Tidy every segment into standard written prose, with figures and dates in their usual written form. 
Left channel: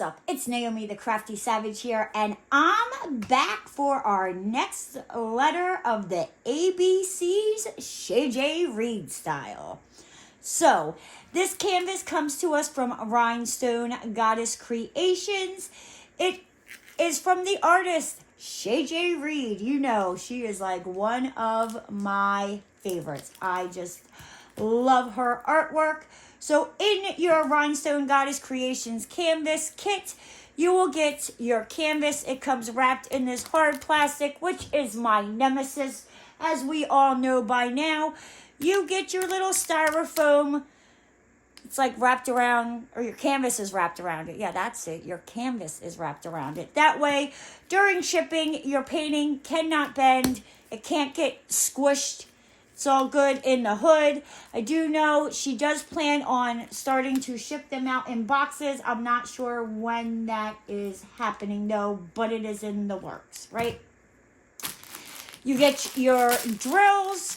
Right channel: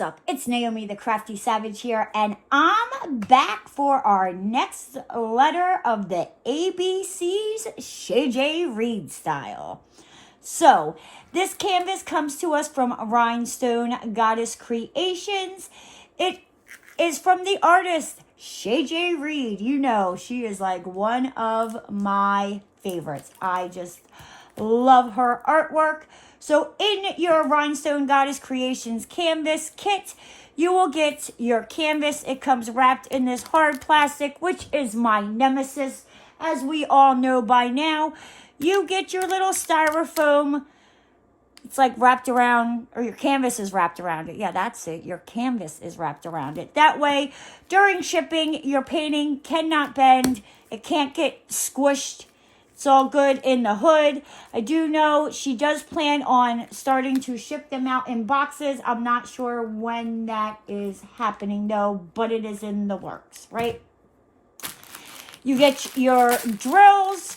What's up? It's Naomi the Crafty Savage here, and I'm back for our next letter of the ABC's Shay Jay-Reed style. So, this canvas comes to us from Rhinestone Goddess Creations. It is from the artist Shay Jay-Reed. You know, she is like one of my favorites. I just love her artwork. So in your Rhinestone Goddess Creations canvas kit, you will get your canvas. It comes wrapped in this hard plastic, which is my nemesis, as we all know by now. You get your little styrofoam. It's like wrapped around, or your canvas is wrapped around it. Yeah, that's it. Your canvas is wrapped around it. That way, during shipping, your painting cannot bend. It can't get squished. It's all good in the hood. I do know she does plan on starting to ship them out in boxes. I'm not sure when that is happening though, but it is in the works, right? You get your drills.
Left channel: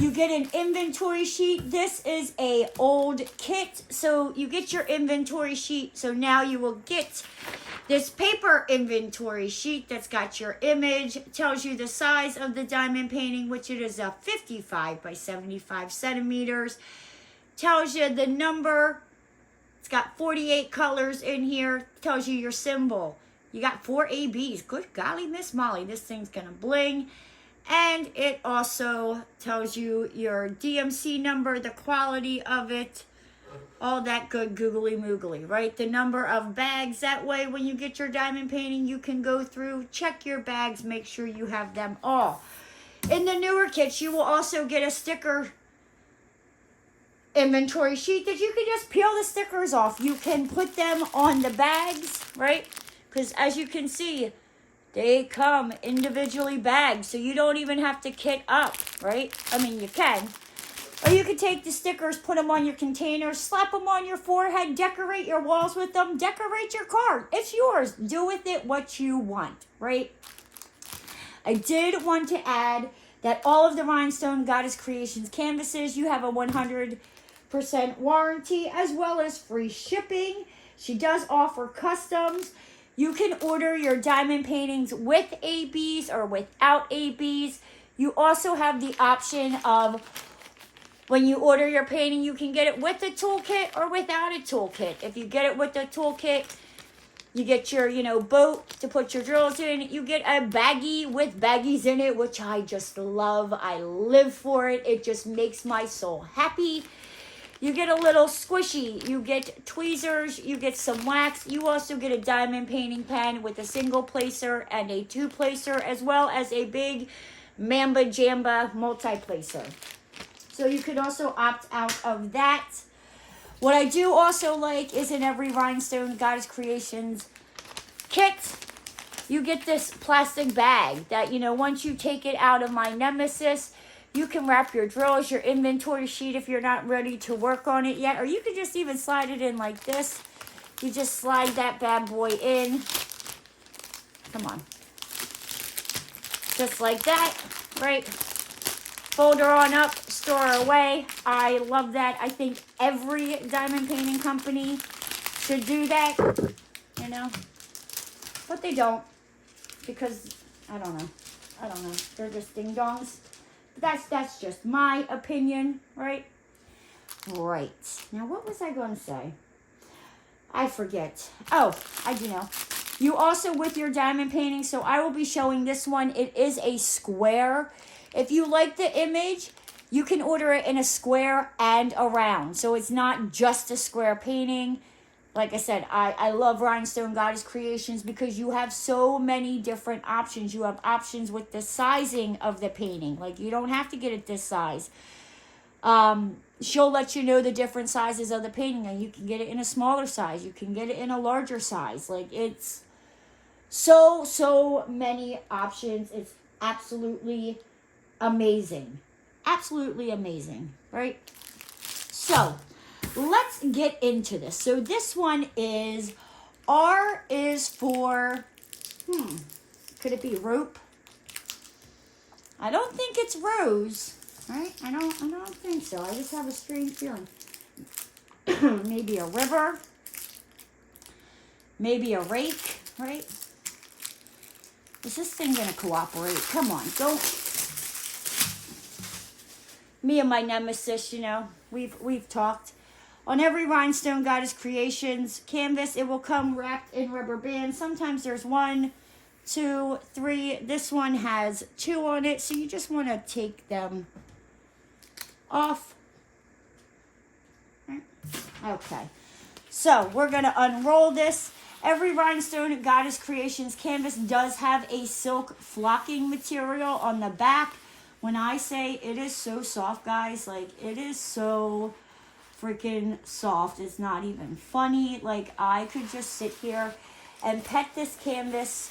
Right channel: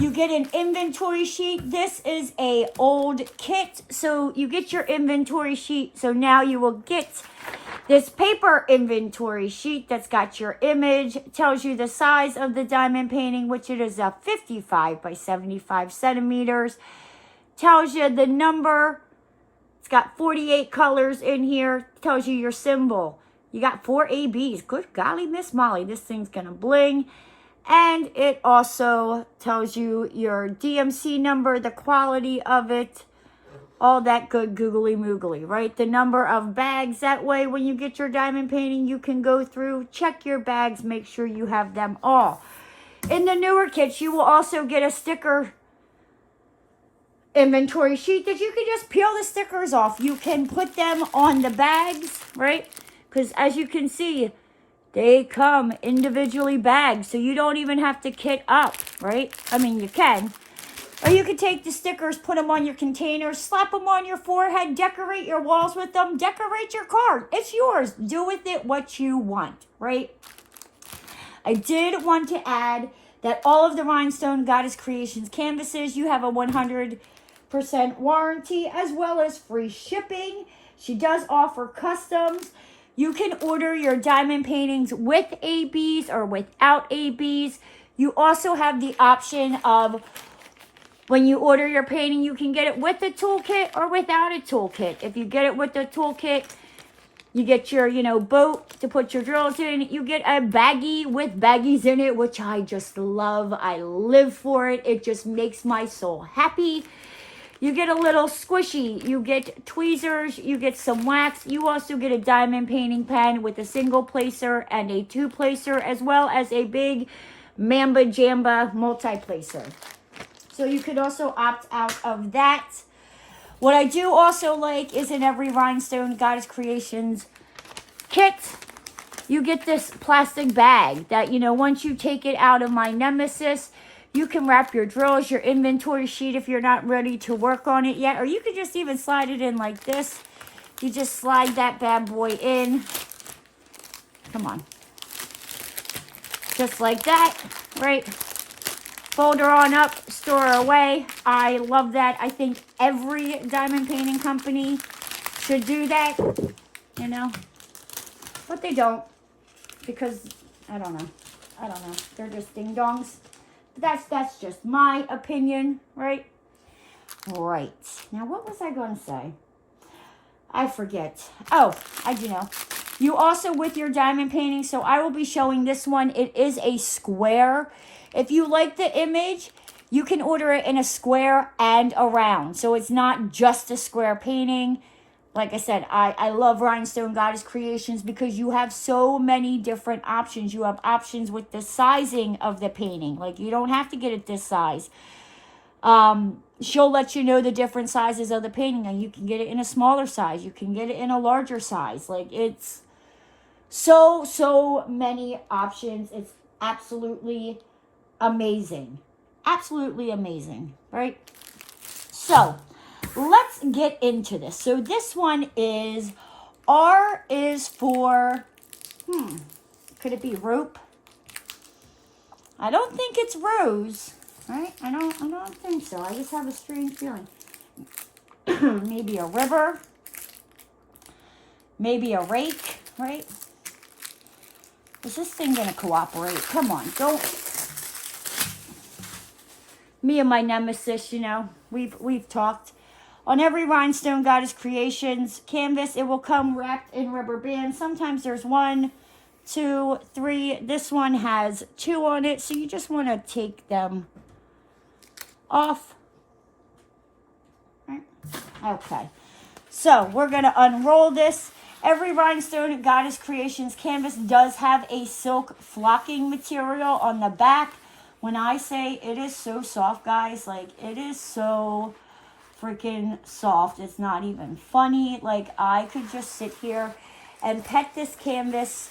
You get an inventory sheet. This is a old kit, so you get your inventory sheet. So now you will get this paper inventory sheet that's got your image, tells you the size of the diamond painting, which it is a 55 by 75 centimeters. Tells you the number. It's got 48 colors in here. Tells you your symbol. You got 4 ABs. Good golly, Miss Molly, this thing's gonna bling. And it also tells you your DMC number, the quality of it, all that good googly moogly, right? The number of bags. That way, when you get your diamond painting, you can go through, check your bags, make sure you have them all. In the newer kits, you will also get a sticker inventory sheet that you can just peel the stickers off. You can put them on the bags, right? Because as you can see, they come individually bagged, so you don't even have to kit up, right? I mean, you can. Or you can take the stickers, put them on your containers, slap them on your forehead, decorate your walls with them, decorate your card. It's yours. Do with it what you want, right? I did want to add that all of the Rhinestone Goddess Creations canvases, you have a 100% warranty as well as free shipping. She does offer customs. You can order your diamond paintings with ABs or without ABs. You also have the option of, when you order your painting, you can get it with a toolkit or without a toolkit. If you get it with the toolkit, you get your, boat to put your drills in. You get a baggie with baggies in it, which I just love. I live for it. It just makes my soul happy. You get a little squishy, you get tweezers, you get some wax. You also get a diamond painting pen with a single placer and a 2-placer, as well as a big Mamba Jamba multi-placer. So you could also opt out of that. What I do also like is in every Rhinestone Goddess Creations kit, you get this plastic bag that, once you take it out of my nemesis, you can wrap your drills, your inventory sheet if you're not ready to work on it yet. Or you could just even slide it in like this. You just slide that bad boy in. Come on. Just like that, right? Fold her on up, store her away. I love that. I think every diamond painting company should do that, But they don't, because, I don't know. They're just ding-dongs. That's just my opinion, right? Right. Now, what was I going to say? I forget. Oh, I do know. You also, with your diamond painting, so I will be showing this one. It is a square. If you like the image, you can order it in a square and a round. So it's not just a square painting. Like I said, I love Rhinestone Goddess Creations because you have so many different options. You have options with the sizing of the painting. Like, you don't have to get it this size. She'll let you know the different sizes of the painting. And you can get it in a smaller size. You can get it in a larger size. Like, it's so many options. It's absolutely amazing. Absolutely amazing, right? So, let's get into this. So this one is, R is for, could it be rope? I don't think it's rose, right? I don't think so. I just have a strange feeling. Maybe a river. maybe a rake, right? Is this thing gonna cooperate? Come on, don't. Me and my nemesis, you know, we've talked. On every Rhinestone Goddess Creations canvas, it will come wrapped in rubber bands. Sometimes there's 1, 2, 3. This one has 2 on it, so you just want to take them off. Okay, so we're going to unroll this. Every Rhinestone Goddess Creations canvas does have a silk flocking material on the back. When I say it is so soft, guys, like it is so freaking soft. It's not even funny. Like I could just sit here and pet this canvas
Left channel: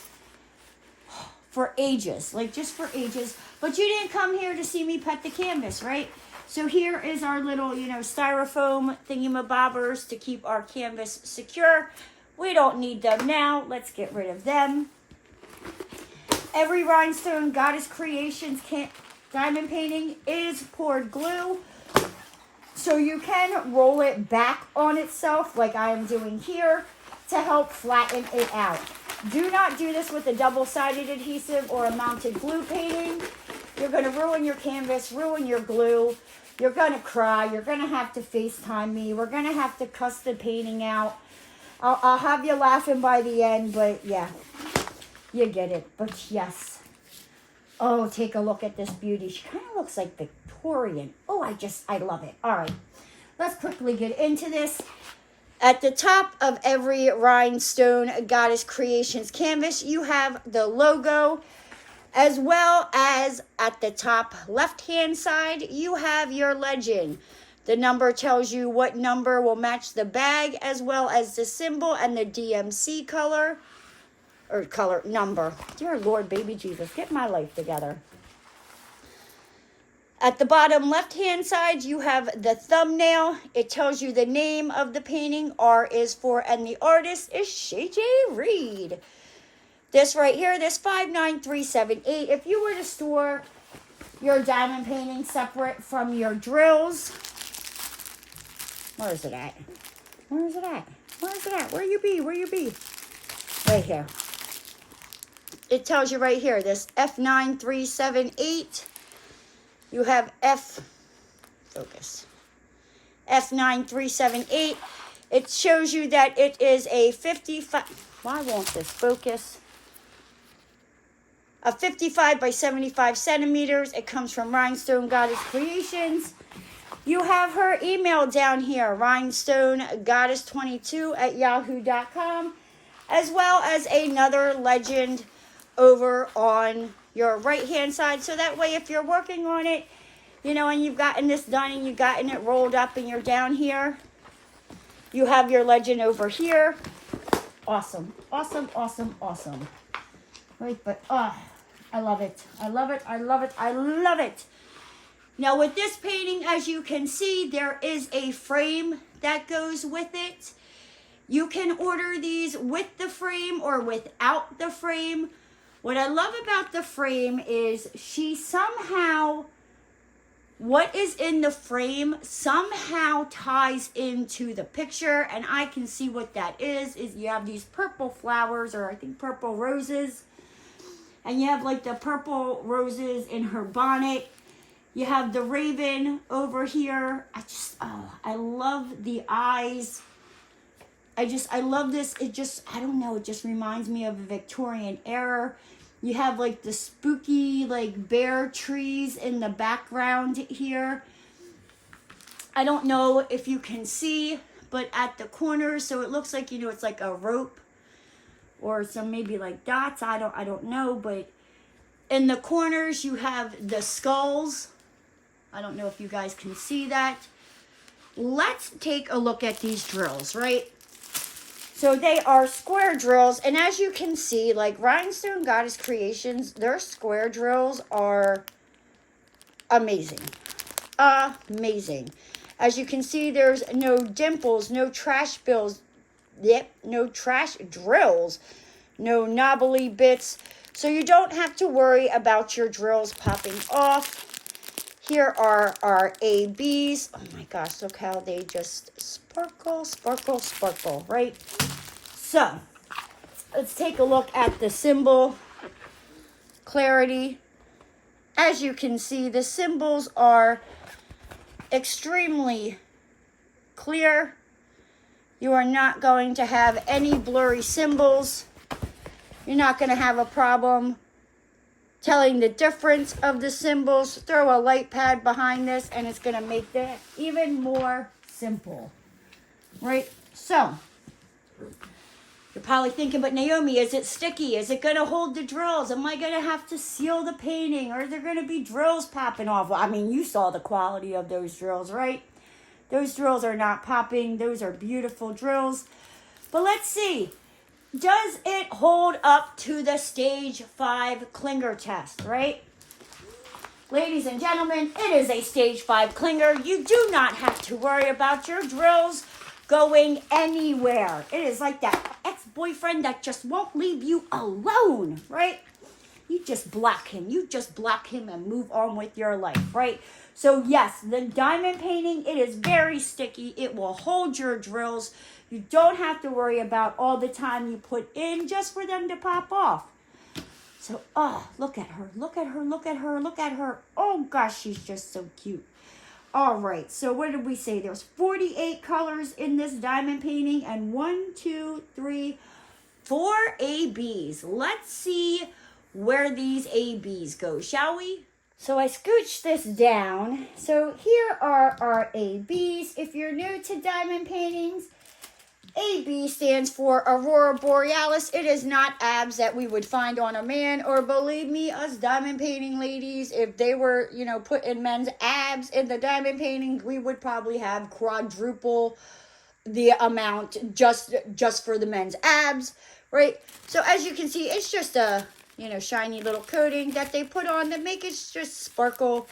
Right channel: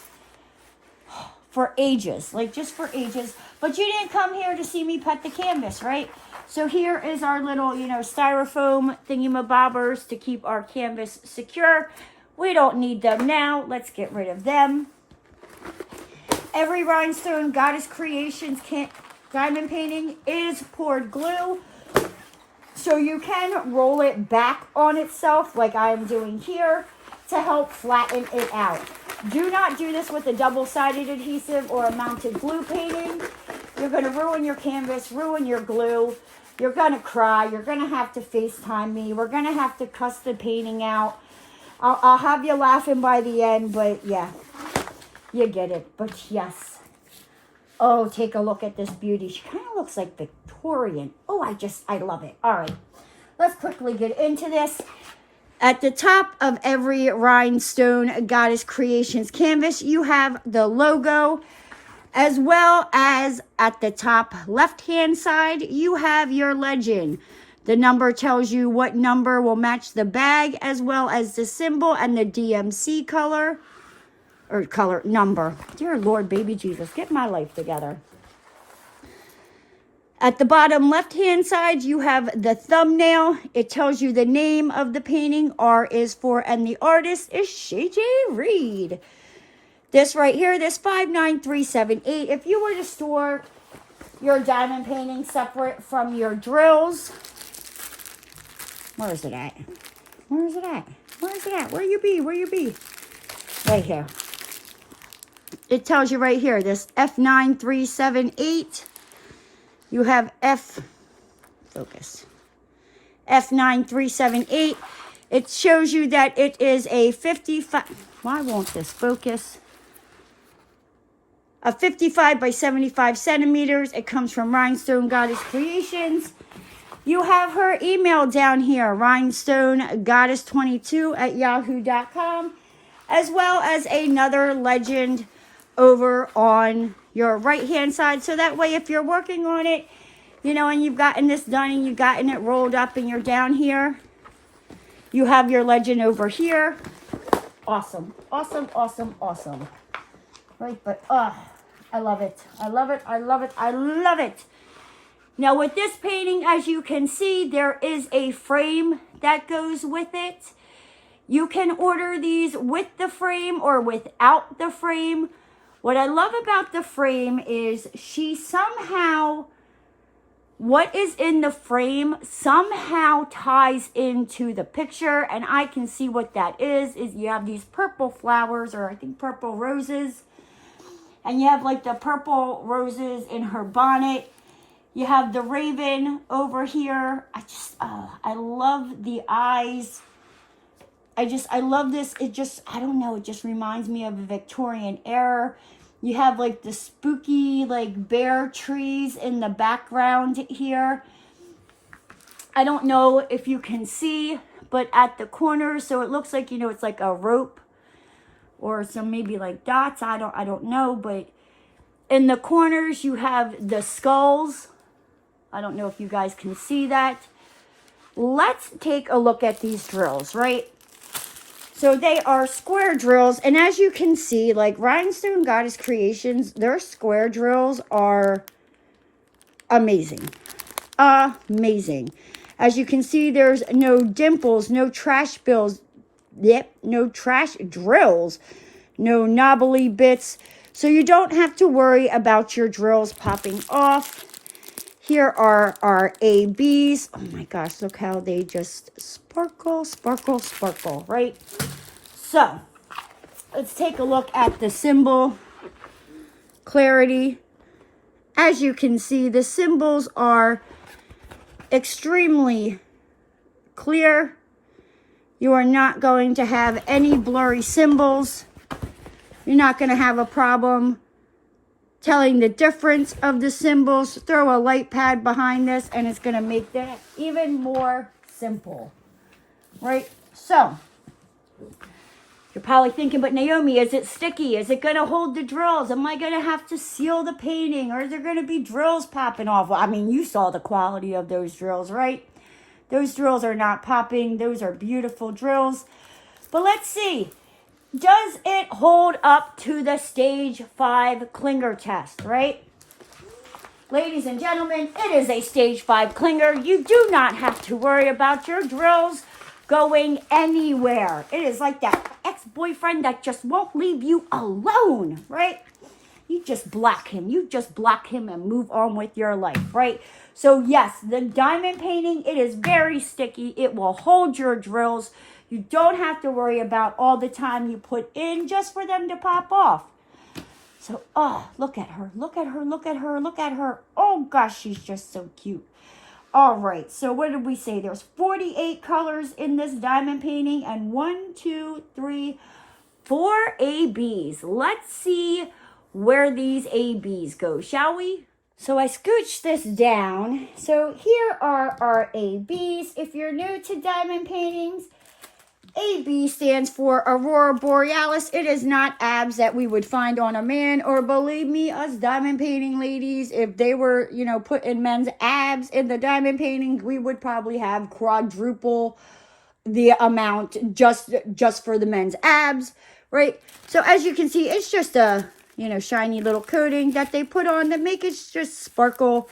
for ages, like just for ages. But you didn't come here to see me pet the canvas, right? So here is our little, you know, styrofoam thingamabobbers to keep our canvas secure. We don't need them now. Let's get rid of them. Every Rhinestone Goddess Creations diamond painting is poured glue. So you can roll it back on itself like I'm doing here to help flatten it out. Do not do this with a double-sided adhesive or a mounted glue painting. You're going to ruin your canvas, ruin your glue. You're going to cry. You're going to have to FaceTime me. We're going to have to cuss the painting out. I'll have you laughing by the end, but yeah, you get it. But yes. Oh, take a look at this beauty. She kind of looks like Victorian. Oh, I love it. All right, let's quickly get into this. At the top of every Rhinestone Goddess Creations canvas, you have the logo, as well as at the top left-hand side, you have your legend. The number tells you what number will match the bag, as well as the symbol and the DMC color. Or color, number. Dear Lord, baby Jesus, get my life together. At the bottom left-hand side, you have the thumbnail. It tells you the name of the painting. R is for, and the artist is Shay Jay-Reed. This right here, this 59378. If you were to store your diamond painting separate from your drills, where is it at? Where is it at? Where is it at? Where you be? Where you be? Right here. It tells you right here, this F9378. You have F9378. It shows you that it is a 55, why won't this focus? A 55 by 75 centimeters. It comes from Rhinestone Goddess Creations. You have her email down here, rhinestonegoddess22@yahoo.com, as well as another legend over on your right hand side. So that way if you're working on it, you know, and you've gotten this done and you've gotten it rolled up and you're down here, you have your legend over here. Awesome, awesome, awesome, awesome. Right, but I love it. I love it. I love it. I love it. Now with this painting, as you can see, there is a frame that goes with it. You can order these with the frame or without the frame. What I love about the frame is she somehow, what is in the frame somehow ties into the picture, and I can see what that is you have these purple flowers, or I think purple roses, and you have like the purple roses in her bonnet. You have the raven over here. I love the eyes. I love this. It just, I don't know, it just reminds me of a Victorian era. You have like the spooky, like bare trees in the background here. I don't know if you can see, but at the corners, so it looks like, you know, it's like a rope or some maybe like dots. I don't know, but in the corners you have the skulls. I don't know if you guys can see that. Let's take a look at these drills, right? So they are square drills, and as you can see, like Rhinestone Goddess Creations, their square drills are amazing. Amazing. As you can see, there's no dimples, no trash bills, no trash drills, no knobbly bits, so you don't have to worry about your drills popping off. Here are our ABs. Oh my gosh, look how they just sparkle, sparkle, sparkle, right? So, let's take a look at the symbol clarity. As you can see, the symbols are extremely clear. You are not going to have any blurry symbols. You're not going to have a problem telling the difference of the symbols. Throw a light pad behind this and it's going to make that even more simple, right? So you're probably thinking, but Naomi, is it sticky? Is it going to hold the drills? Am I going to have to seal the painting? Or are there going to be drills popping off? Well, I mean, you saw the quality of those drills, right? Those drills are not popping. Those are beautiful drills. But let's see. Does it hold up to the stage 5 clinger test, right? Ladies and gentlemen, it is a stage 5 clinger. You do not have to worry about your drills going anywhere. It is like that ex-boyfriend that just won't leave you alone, right? You just block him. You just block him and move on with your life, right? So yes, the diamond painting, it is very sticky. It will hold your drills. You don't have to worry about all the time you put in just for them to pop off. So, oh, look at her. Look at her. Look at her. Look at her. Oh, gosh, she's just so cute. All right, so what did we say? There's 48 colors in this diamond painting and 1, 2, 3, 4 ABs. Let's see where these ABs go, shall we? So I scooched this down. So here are our ABs. If you're new to diamond paintings, AB stands for Aurora Borealis. It is not abs that we would find on a man, or believe me, us diamond painting ladies, if they were, you know, putting men's abs in the diamond painting, we would probably have quadruple the amount just for the men's abs, right? So as you can see, it's just a, you know, shiny little coating that they put on that make it just sparkle.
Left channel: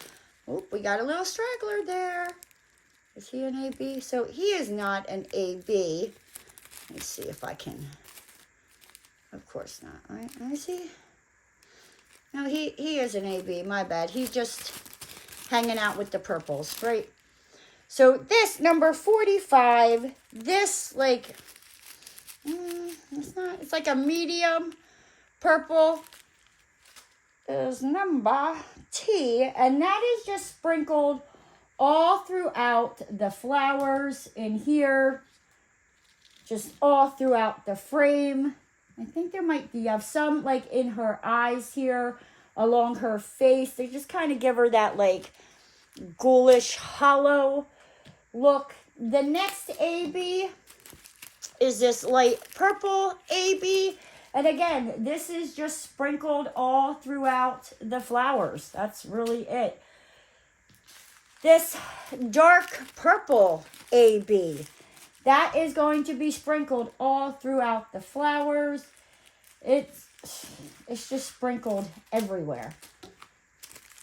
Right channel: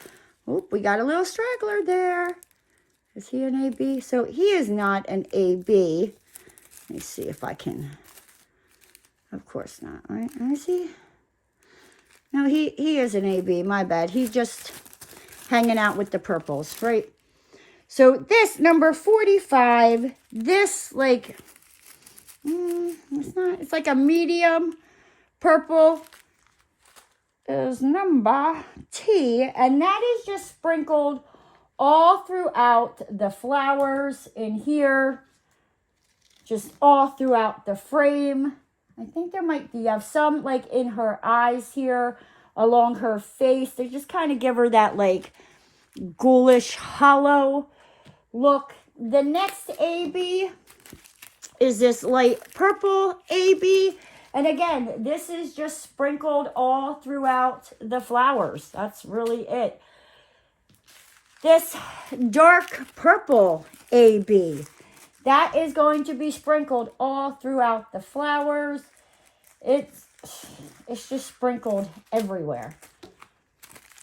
Oh, we got a little straggler there. Is he an AB? So he is not an AB. Let me see if I can. Of course not, right? Let me see. No, he is an AB. My bad. He's just hanging out with the purples, right? So this number 45, this like, it's like a medium purple is number T, and that is just sprinkled all throughout the flowers in here, just all throughout the frame. I think there might be some like in her eyes here, along her face. They just kind of give her that like ghoulish hollow look. The next AB is this light purple AB. And again, this is just sprinkled all throughout the flowers. That's really it. This dark purple AB, that is going to be sprinkled all throughout the flowers. It's just sprinkled everywhere.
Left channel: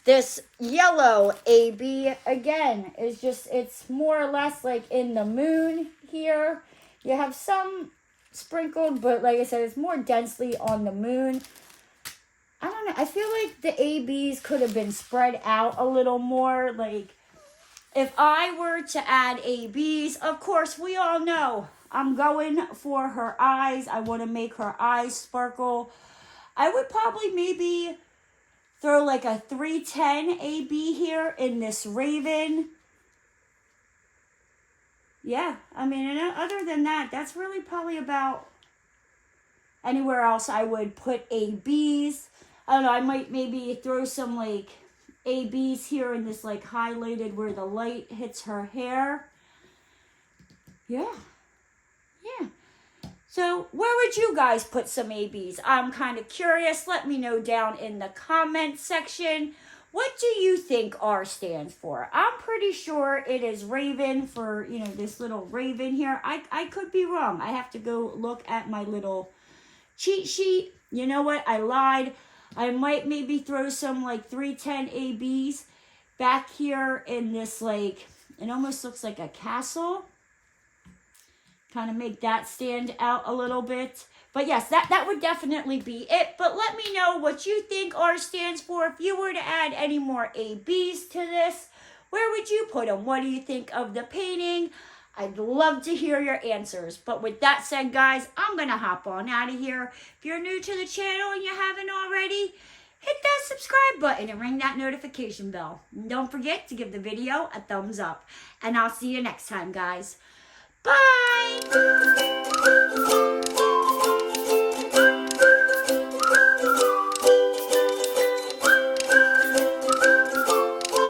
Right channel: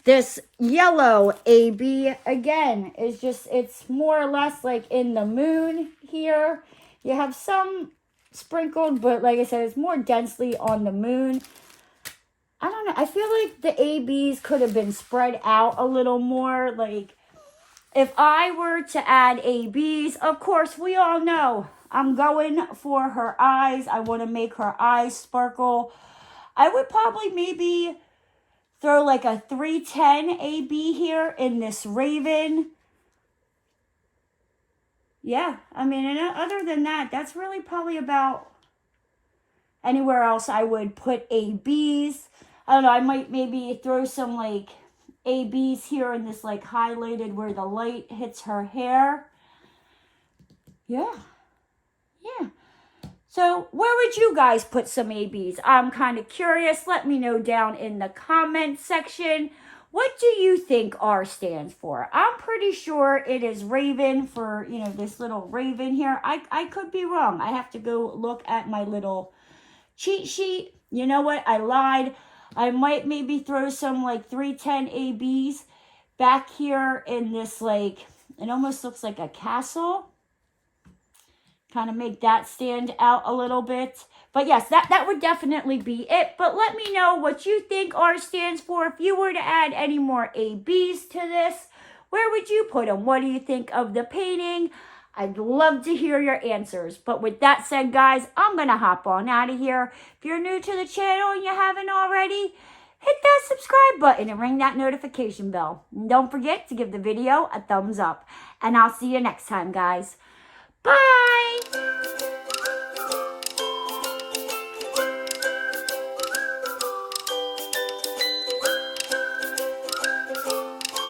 This yellow AB, again, is just, it's more or less like in the moon here. You have some sprinkled, but like I said, it's more densely on the moon. I don't know. I feel like the ABs could have been spread out a little more. Like, if I were to add ABs, of course, we all know I'm going for her eyes. I want to make her eyes sparkle. I would probably maybe throw like a 310 AB here in this raven. Yeah, I mean, and other than that, that's really probably about anywhere else I would put ABs. I don't know, I might maybe throw some like ABs here in this like highlighted where the light hits her hair. Yeah. So where would you guys put some ABs? I'm kind of curious. Let me know down in the comment section. What do you think R stands for? I'm pretty sure it is Raven for, you know, this little Raven here. I could be wrong. I have to go look at my little cheat sheet. You know what? I lied. I might maybe throw some like 310 ABs back here in this like, it almost looks like a castle. Kind of make that stand out a little bit. But yes, that would definitely be it. But let me know what you think R stands for. If you were to add any more ABs to this, where would you put them? What do you think of the painting? I'd love to hear your answers. But with that said, guys, I'm going to hop on out of here. If you're new to the channel and you haven't already, hit that subscribe button and ring that notification bell. And don't forget to give the video a thumbs up. And I'll see you next time, guys. Bye!